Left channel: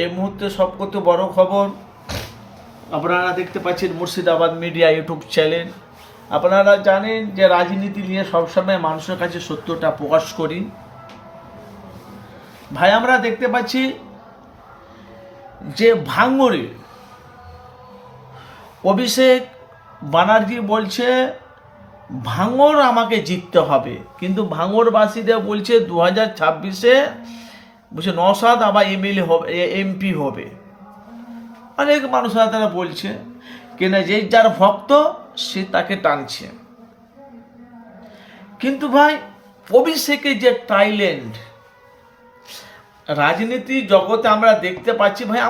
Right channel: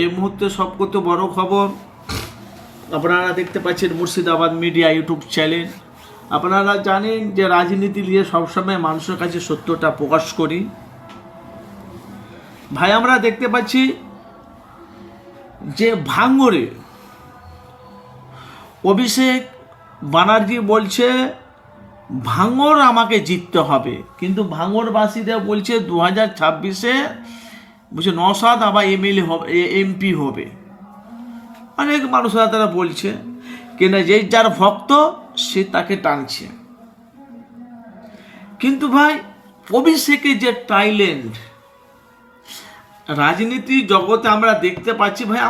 এই মুহূর্তে সবকত বড় খবর আপনারা দেখতে পাচ্ছেন মুর্শিদাবাদ মিডিয়া ইউটিউব চ্যানেল। আপনারা জানেন যে রাজনীতি নিয়ে সবসময় মানুষের কাছে সত্যটা প্রকাশ করি। ভাই আমরা দেখতে পাচ্ছি যে ভাঙড়ে অভিষেক ব্যানার্জি বলছে ভাঙড় আমাকে জিততে হবে, কিন্তু ভাঙড়বাসীরা বলছে 2026-এ বলছে নওশাদ আবার এমএলএ হবে, এমপি হবে। অনেক মানুষরা তারা বলছে কেন যে যার ভক্ত সে তাকে টানছে। কিন্তু ভাই অভিষেকের যে ট্যালেন্ট রাজনীতি জগতে আমরা দেখতে পাচ্ছি ভাই,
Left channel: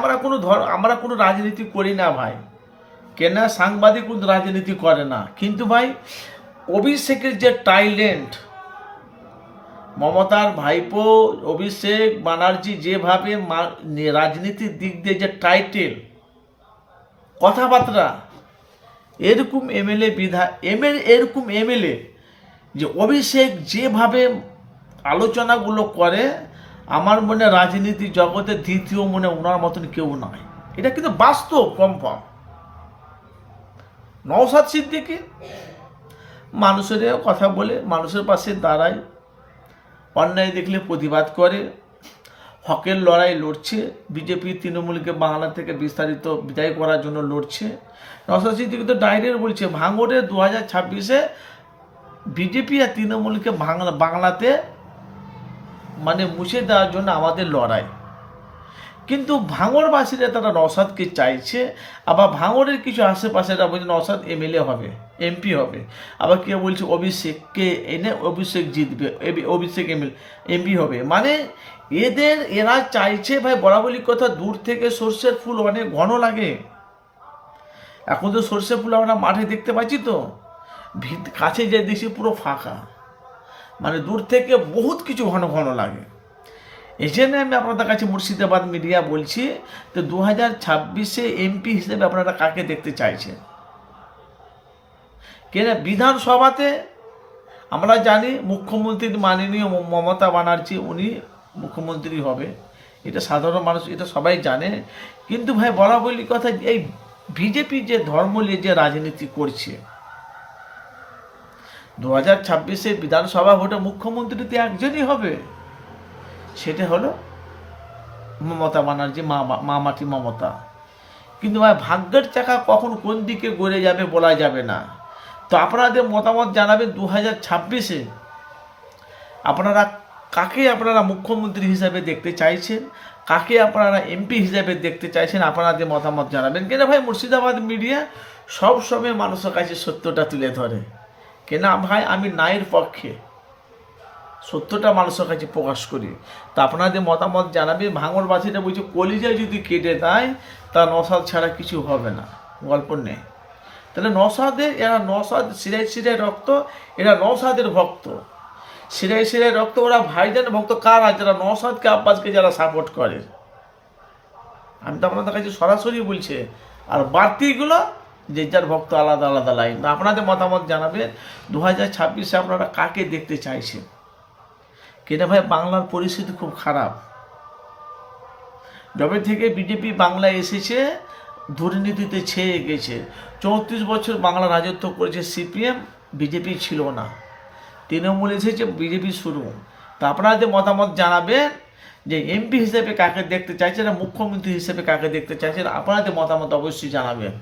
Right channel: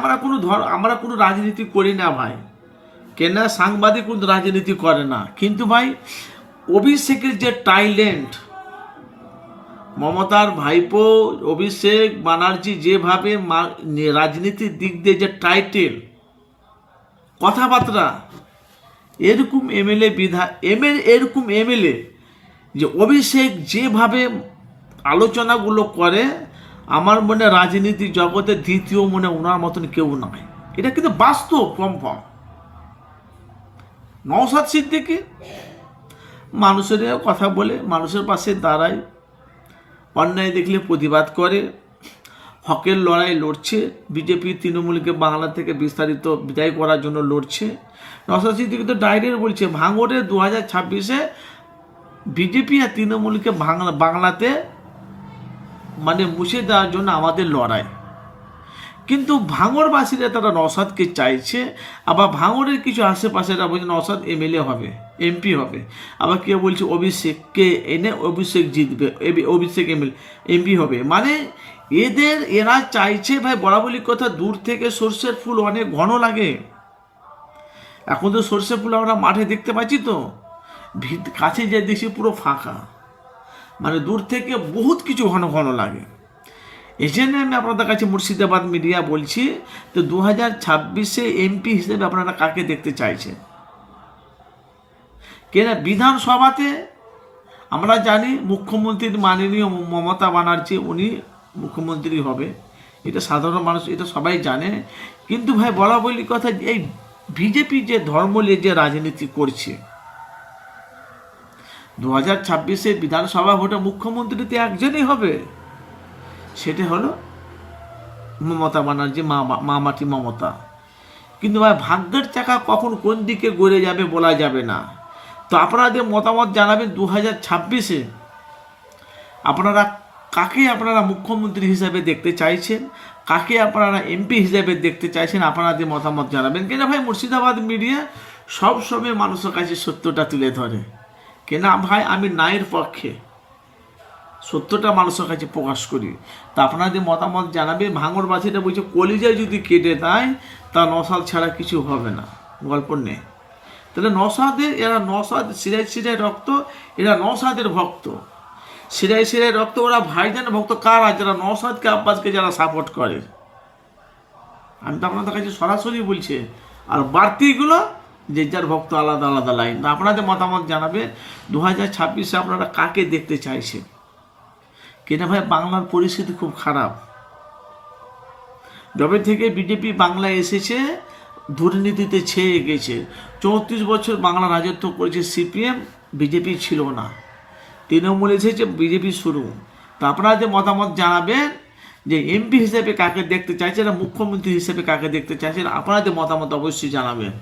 আমরা কোনো রাজনীতি করি না ভাই, কেন সাংবাদিক কোনো রাজনীতি করে না, কিন্তু ভাই অভিষেকের যে ট্যালেন্ট, মমতার ভাইপো অভিষেক ব্যানার্জি যেভাবে রাজনীতির দিক দিয়ে যে টাইটেল কথাবার্তা, এরকম এমএলএ যে অভিষেক যেভাবে আলোচনাগুলো করে, আমার মনে রাজনীতি জগতে দ্বিতীয় মনে ওনার মতন কেউ নয়। এটা কিন্তু বাস্তব কনফার্ম। নওশাদ সিদ্দিকী মানুষের কথা বলে, মানুষের পাশে দাঁড়ায়, অন্যায় দেখলে প্রতিবাদ করে, হকের লড়াই লড়ছে, বিজেপি তৃণমূলকে বাংলা থেকে বিস্তারিত বিদায় করার জন্য লড়ছে। নওশাদ সিদ্দিকী তো ডাইরেক্ট বলছে ভাঙড়ে 2026-এ বিজেপি আর তৃণমূলকে বাংলাতে মানে মুছে দেওয়ার জন্য আমাদের লড়াই। কিন্তু ভাঙড়বাসীরা তারা নওশাদকে চাইছে, আবার ভাঙড়ের কিছু আশেপাশেরা বলছে নওশাদ এমএলএ হবে, এমপি হবে, আবার কেউ বলছে অভিষেককে এনে অভিষেক জিতবে, অভিষেক এমপি হবে। মানে এরা চাইছে ভাই, বরাবরই কথা, দূর থেকে সর্ষের ফুল অনেক ঘন লাগে। এখন তো সর্ষের ফুল আমরা মাঠে দেখতে পাচ্ছি, তো কাছে যে দেখছি পুরো ফাঁকা, মানে দূর থেকে বহুত কিছু ঘন ঘন লাগে। এই জন্য আমি আপনাদের কাছে মুর্শিদাবাদ মিডিয়া বলছি, তো 2026-এ এমপি হিসেবে আপনারা কাকে দেখতে চাইছেন? কেন বিধানসভাতে আমরা জানি মুখ্যমন্ত্রী মাননীয় মমতা ব্যানার্জি, উনি মুখ্যমন্ত্রী হবে, এটা সাধারণ মানুষ, এটা সবাই জানে। কিন্তু ভাই বলা বলি কথা, এই বিজেপি যে ধর্ম নিয়ে যে রাজনীতি করছে, 2026-এ বিধানসভা ভোটে মুখ্যমন্ত্রী তো একজনই হবে, সেটা হলো মমতা ব্যানার্জি, মামাটি মমতা। কিন্তু ভাই ভাগ্যের চাকা কখন কোন দিকে গড়ে যাবে বলা যাবে না। তো আপনাদের মতামত জানাবেন, 2026-এ আপনারা মুখ্যমন্ত্রী হিসাবে দেখতে চাইছেন, কাকে আপনারা এমপি হিসাবে দেখতে চাইছেন, আপনাদের মতামত জানাবেন। কেন ভাই মুর্শিদাবাদ মিডিয়া সব সময় মানুষের কাছে সত্যটা তুলে ধরে, কেন ভাই আমি ন্যায়ের পক্ষে, সত্যটা মানুষের কাছে প্রকাশ করি। তা আপনাদের মতামত জানাবে। ভাঙড়বাসীরা বলছে কলিজায় যদি কেটে দেয় তা নওশাদ ছাড়া কিছু হবে না, গল্প নেই। তাহলে নওশাদ সিরায় রক্ত, এরা নওশাদের ভক্ত, সিরায় রক্ত, ওরা ভাইজান ভক্ত কারা? যারা নওশাদকে আব্বাসকে যারা সাপোর্ট করে। আমি তো আপনাদের কাছে সরাসরি বলছি, আর বাড়তিগুলো যে যার ভক্ত আলাদা আলাদা লাইন। আপনাদের মতামত জানাবেন 2026-এ আপনারা কাকে দেখতে চাইছেন। কেন ভাই বাংলার পরিস্থিতি খুব খারাপ। যবে থেকে বিজেপি বাংলায় এসেছে দুর্নীতিতে ছেয়ে গেছে। 34 বছর বাংলা রাজত্ব করেছে সিপিএম, বিজেপি ছিল না, তৃণমূল এসেছে, বিজেপি শুরু। তা আপনাদের মতামত জানাবেন যে এমপি হিসেবে কাকে দেখতে চাইছেন, মুখ্যমন্ত্রী হিসেবে কাকে দেখতে চাইছেন, আপনাদের মতামত অবশ্যই জানাবেন।